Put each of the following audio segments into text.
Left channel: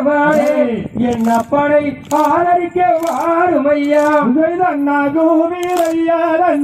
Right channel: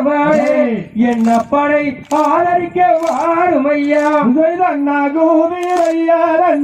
வேலவாடே என் அப்பனை ஆதரிக்க வாருமையா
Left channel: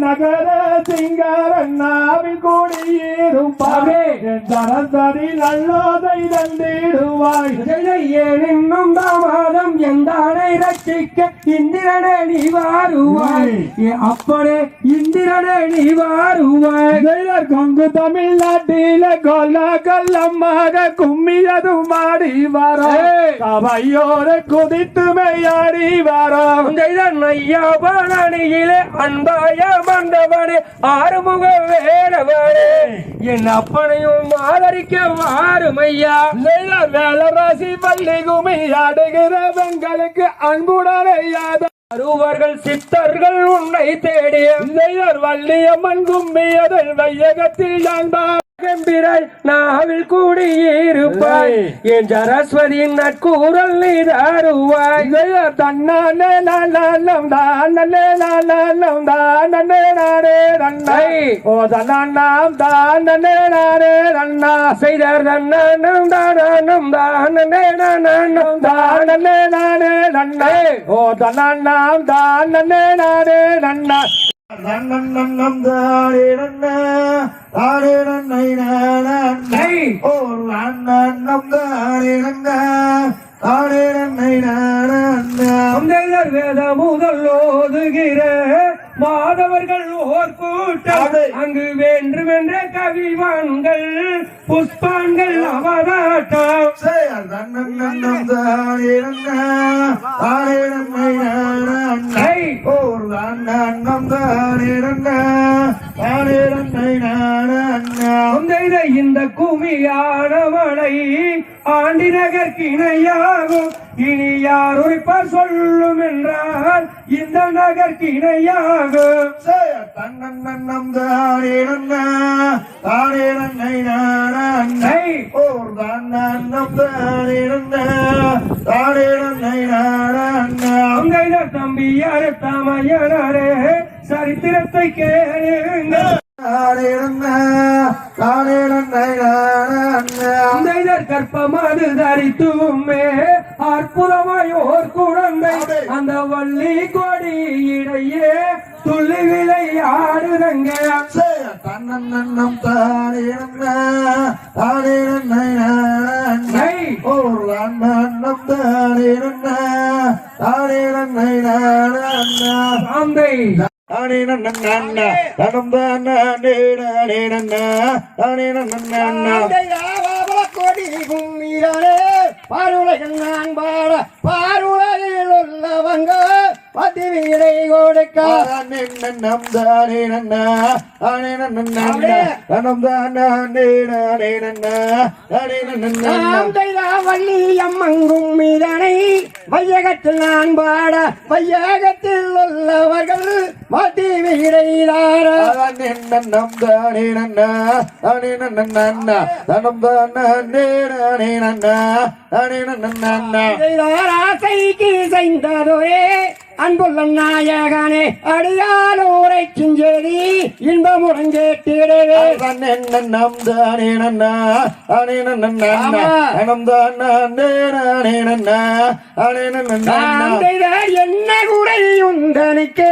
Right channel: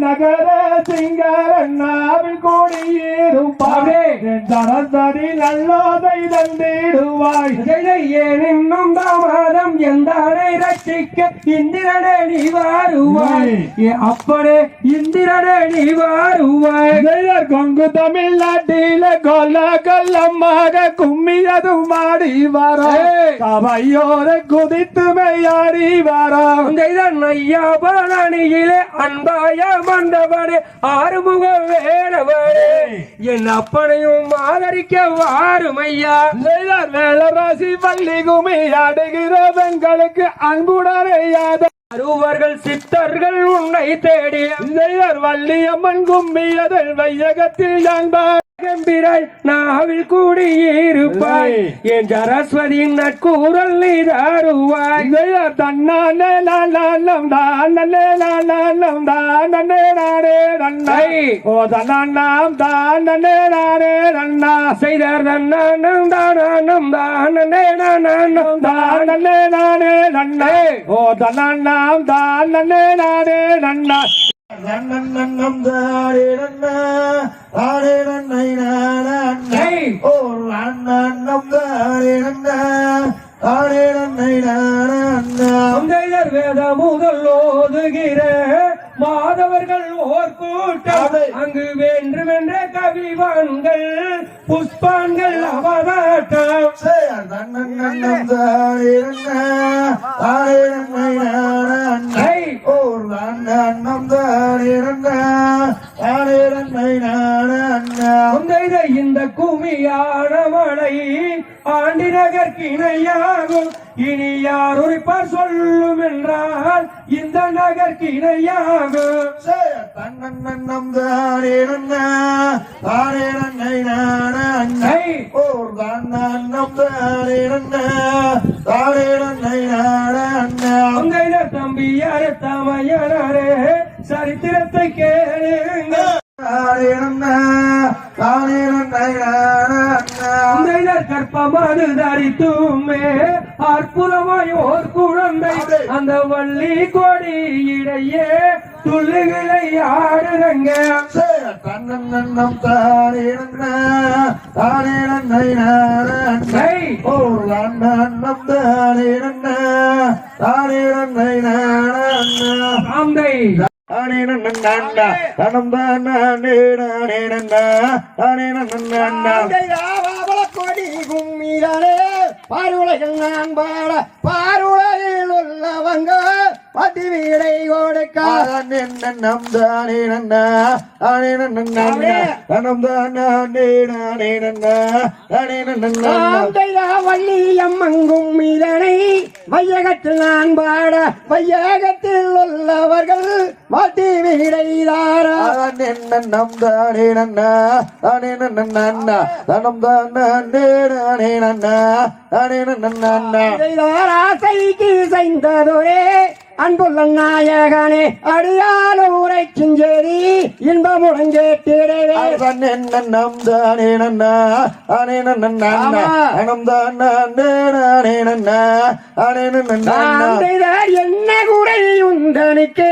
நகர சிங்கரண்ணாவில் கூடியேறும் பாடே தரத்தடி நல்லோதை தந்திடுவாய். இன்னும் தாமதம் எந்தானை ரட்சிக்க இந்திரனே நீ வாருவாய். அப்பனே இந்திரனே நீ வாருவாய். கொங்கு தமிழ்நாட்டில கொல்ல கொல்லமாக கும்மியதும் ஆடி வர கவையோர குதித்து மெய்யாடி வர ஐயா பழனியிலே அன்பாய மண்டபனே ஆறுமுக வேலவனே. என் அப்பனையும் ஆதரிக்க வாருமையா. வேலராசி பள்ளி குமி ஆடுகிற பெண்களுக்கு அன்புடனே யாத அருவர்கள் சித்தர்கள் உன்னை இளையர் வள்ளியம்மன் கும்மியதில் வையகத்தில் யான்பார் கம்பிராய் நாவில் கூடியிருப்பாய். என் சரஸ்வதியின் நட்கூரல் நீ தாருவாய் தன்னானே நானம் தானே நானம் தானே நானே நன்னை. ஓ தன்னாம் தானே நானே நன்னா. செய்தார் தன்னானம் தானம் தானே நானம் தானே நானே நன்னை. ஓ தன்னாம் தானே நானே நன்னா. நன்னம் நன்னம் தானே நன்னா. தானே நன்னை நானே ஓ நன்னம் தானே நன்னா தானே நன்னை நானே தந்தையர் வேத முதல் ஓதுகிற மாதவர்கள் ஓர் கூட்டம். அங்கு வேண்டுமென்ற கவிவான்கள் புஷ்பான்கள் நானே ஓர் நன்னம் தானே நன்னா தானே நன்னை நானே தந்தைத இந்த குமியான மழை ஆண்டி நகர் கிணையாகும் இனி யார் உரைப்பார் சொல்லும் என்றால் இந்த நகர் கிணையாகும் தன்னன்னம் தானே நன்னா தானே நன்னை நானே ஓர் தன்னன்னம் தானே நன்னா தானே நன்னை நானே தம்பியார் தமையனரே சரித்திரத்தை கேளுங்கள். கற்பமது தரித்துமே அற்புதமாய் ஓர் குழந்தை அந்த வள்ளி கொடி இடையே துள்ளி விளையாடுறங்க தன்னன்னம் தானே தானே ஓர் தன்னன்னம் தானே தானே தந்தை தானே தானே தானே கும்மிகளே பாருலகில் நான் பாட பாருலகில் உள்ளவங்க பத்தி நம் தானே நன்னா தானே நன்னா தனம் தானே நானே நன்னா தானே நன்னா வள்ளி அம்மங்கும் மீதனை வையகத்தில் நான் பாட வையகத்தில் உள்ளவர்கள் பத்தி வீடைதார நம் தானே நன்னா தானே நன்னா தனம் தானே நானே நன்னா தானே நன்னா ஆசைக்கு செய்ததொரே அன்புள்ள நாயகனே அடியாலூரை செஞ்சேரி இன்பமுடன் கேட்டிடவே நம் தானே நன்னா தானே நன்னா தனம் தானே நானே நன்னா தானே நன்னா என்ன குறை உந்தனுக்கு?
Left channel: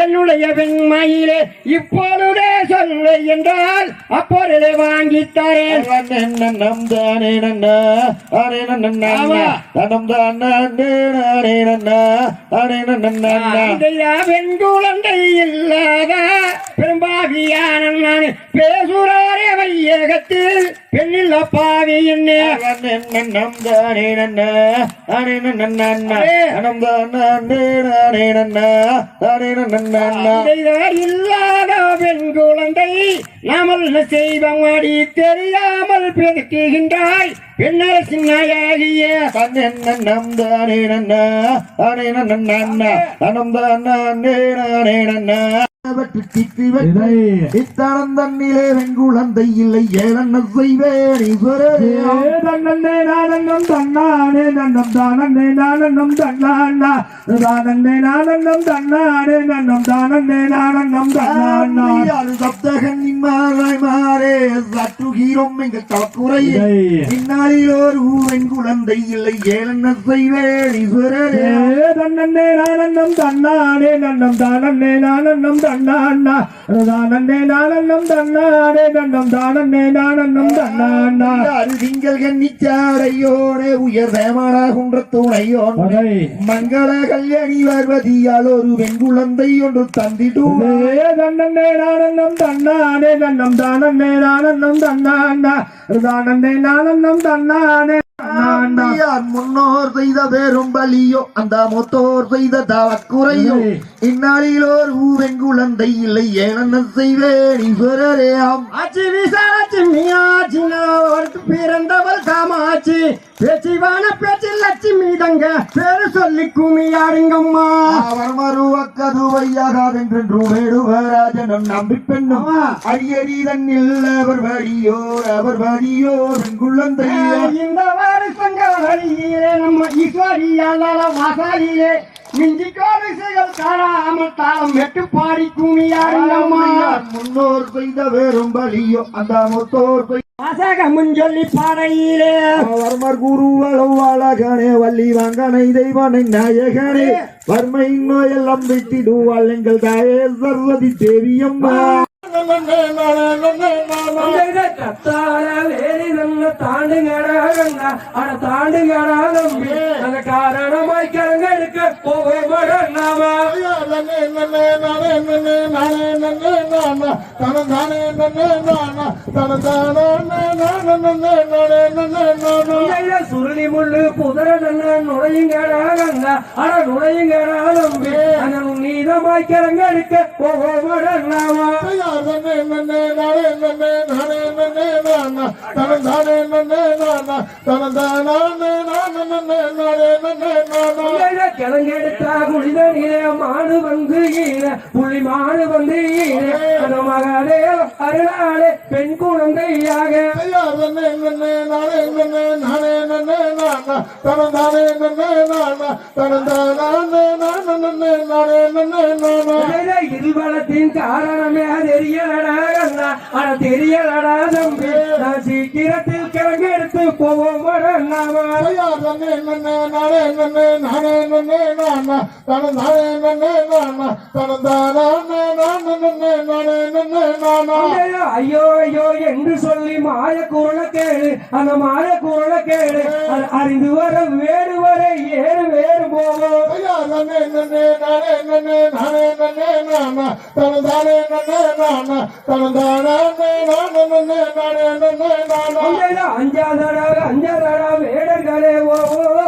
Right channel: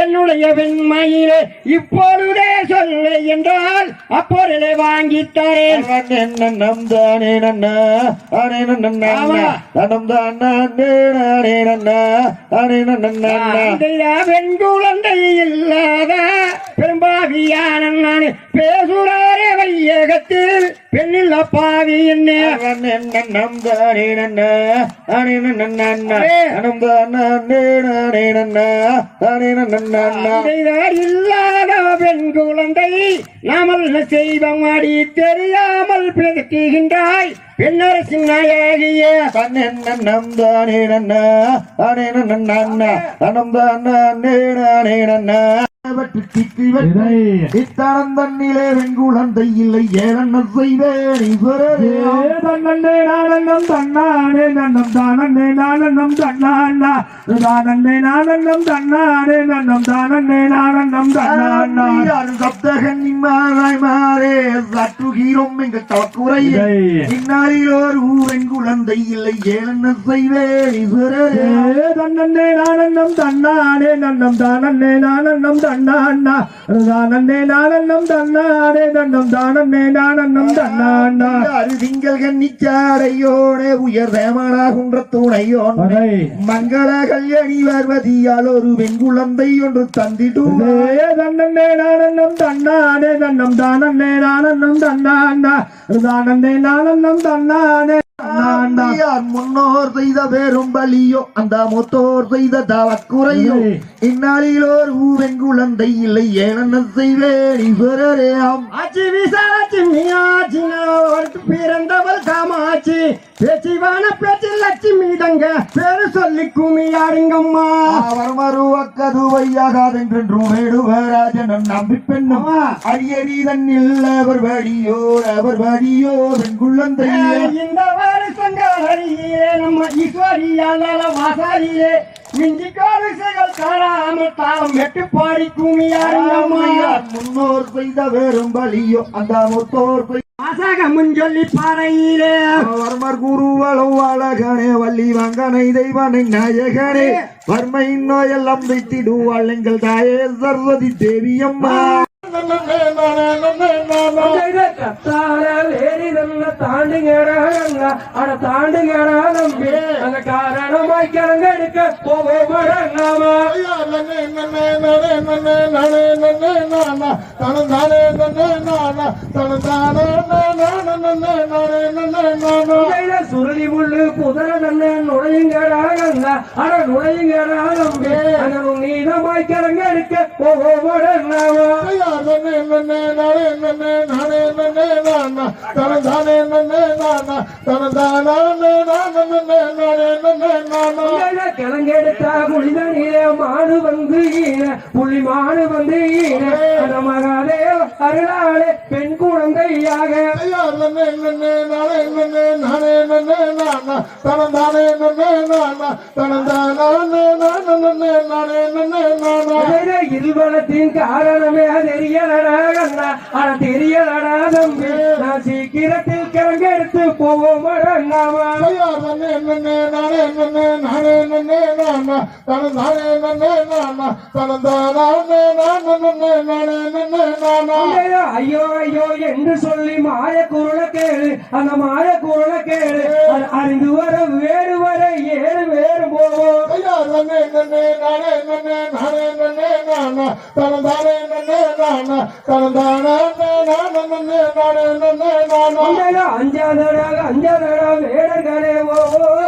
என்னுடைய வெண்மையிலே இப்பொழுதே சொல்ல என்றால் அப்பொருளை வாங்கித் தரேன். நம் தானே நன்னா தானே நன்னா தனம் தானே நானே நன்னா தானே நன்னா ஆந்தையார் பெண் குழந்தை இல்லாத பெரும்பாவியான நான் பேசுறாரே வையகத்தில் பெண்ணில் அப்பாவி என்ன இல்லாத பெண் குழந்தை நாமல் செய்தம் அடி தெரியாமல் பெருக்குகின்றாய் பெண்ணரசின் நாயகிய நம் தானே நன்னா. தானே நன்னா தனம் தானே நானே நன்னா. இத்தனம் தன்னிலே வெங்குழந்தை இல்லை ஏழெண்ண செய்வேன் தன்னே நானந்தம் தன்னானே நன்னம் தானந்தே நானந்தம் தன்னாண்டா தானந்தே நானந்தம் தன்னானே நன்னம் தானந்தே நானந்தம் தன்னாண்டா யாரு சப்தகன் மாறாய் மாறே சற்றுகிறோம் எங்க தவக்குறையே இந்நாளில் ஒரு வெங்குழந்தை இல்லை ஏழெண்ண செய்வேன் தன்னே நானந்தம் தன்னானே நன்னம் தானந்தே நானந்தம் தன்னாண்டா தானந்தே நானந்தம் தன்னானே நன்னம் தானந்தே நானந்தம் தன்னாண்டா யாரு திங்கள் கன்னிச்சாடையோனே உயர் தேமனாகுன்ற துணையோன் மங்கள கல்யாணி பார்வதியால் ஒரு வெண்குழந்தை ஒன்று தந்திடும். தன்னே தானந்தே நானந்தம் தன்னாண்டா தானந்தே நானந்தம் தன்னானே தன்னாண்டா யார் முன்னோர் செய்த பெரும் பலியோ அந்த மூத்தோர் செய்த தவக்குறையோ. இந்நாளில் ஒரு வெண்குழந்தை இல்லை ஏனென்ன செய்வேன் ஆம் ஆச்சி விசாலாச்சி மீனாட்சி அவருக்கு பிறந்தவள் காமாட்சி. பேச்சிவான பேச்சு லட்சுமி தங்க பேரு சொல்லி குமியாருங்கம்மா அவர் மறுவக்கதுவையாகாதென்று வேடுவராஜனும் நம்பி பெண்ணும் அரியடி தன்னில் அவர் வழியோர் அவர் வழியோர் வெண்குழந்தை இந்த வருஷங்களிலே நம்ம ஈஸ்வரியால வாசாரியே. மிஞ்சி கோரிசைகள் காணாமல் தாளம் எட்டு பாடி குமியாருங்கம்மா முன்னோர் செய்த வெறும் பலியோ அந்த மூத்தோர் செய்த வாசகமும் சொல்லி பாறையிலே. வர்மர் குருவளம் அழகனே வள்ளி வங்கனை தெய்வனை நாயகனே. வர்மையின் நோயெல்லாம் வைத்திடுவாள் எங்கள் தாயே சர்வதி தேவி அம்மா. கத்தார வேரி நல்ல தாண்டுகிறாங்க அட தாண்டுகிறாலும் அந்த காரணமாய் கலங்கெடுக்க போக மாட்டாங்க சுருளி முள்ளு புதர நன்ன நுழையுங்கிறாங்க அட நுழையுங்கிறாலும் அந்த நீதமாய் கலங்கெடுக்க போக மாட்டாங்க கிழங்கெடுத்தா மாடு வந்து ஈன புள்ளி மாடு வந்து ஈன அந்த மகாதே அருளாளே பெண் குழந்தையாக இருபலத்தின் காரணமே தெரியலடா கண்ணா. தெரியலடா தம்பி. நான் சீக்கிரத்தில் கிழங்கு எடுத்து போவோம் நாமா ஐயோ ஐயோ என்று சொல்லி மாய குரல கேளு அந்த மாய குரல கேளு அறிந்து வர வேறு வர ஏறு வேறு போவோம் அஞ்சாதடா அஞ்சாதடா வேடர்களே ஓவோ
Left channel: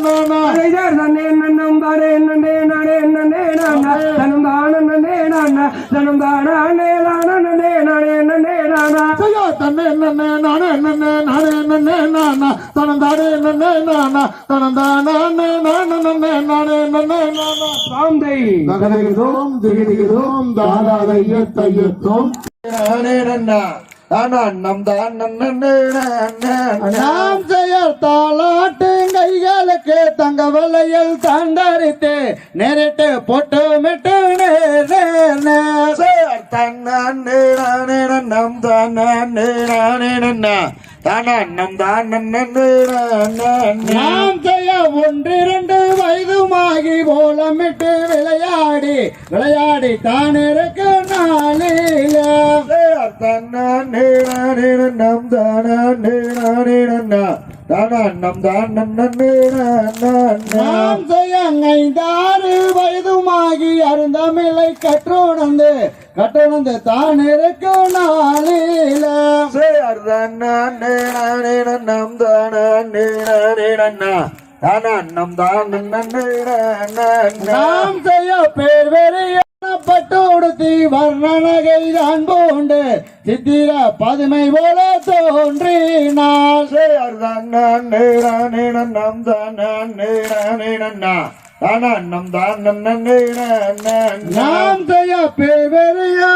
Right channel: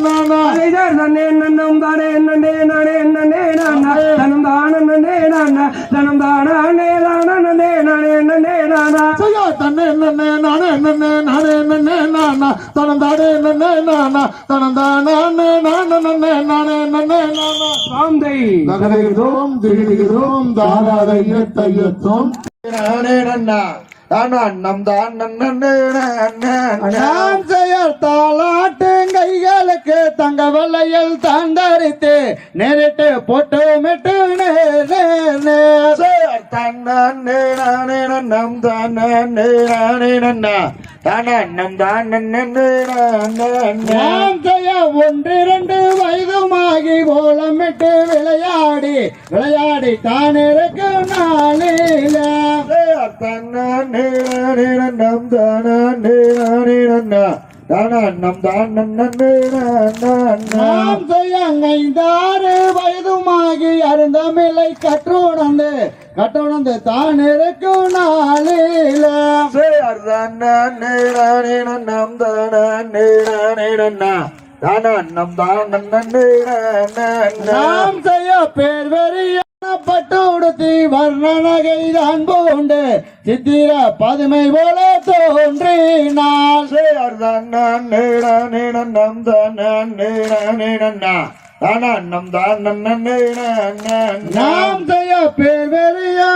நாம் செயல் தாளாட்டும் கைகளுக்கு தங்க வலையில் தாண்டரித்து நேரிட்டு போட்டு மிட்டு நேர் நேர். நாம் செய்ய ஒன்றிரண்டு வயதுமாகி கோலமிட்டு விளையாடி விளையாடி தானிருக்கும் நாளில நாம் செய்ய ஐந்தாறு வயதுமாகி அரு பெருந்தமிழை கற்றுணர்ந்து கற்றுணர்ந்து தான் இருக்கும் நாளில நம் தானம் தான் நாம் செய்ய பேர் வெறியான பட்டு உடுத்தி வர்ணநகை தான் கொண்டு சித்திர பதுமை போல தோன்றினாள். சேர்தான் நம் தான் நாம் செய்ய பேர் வெறிய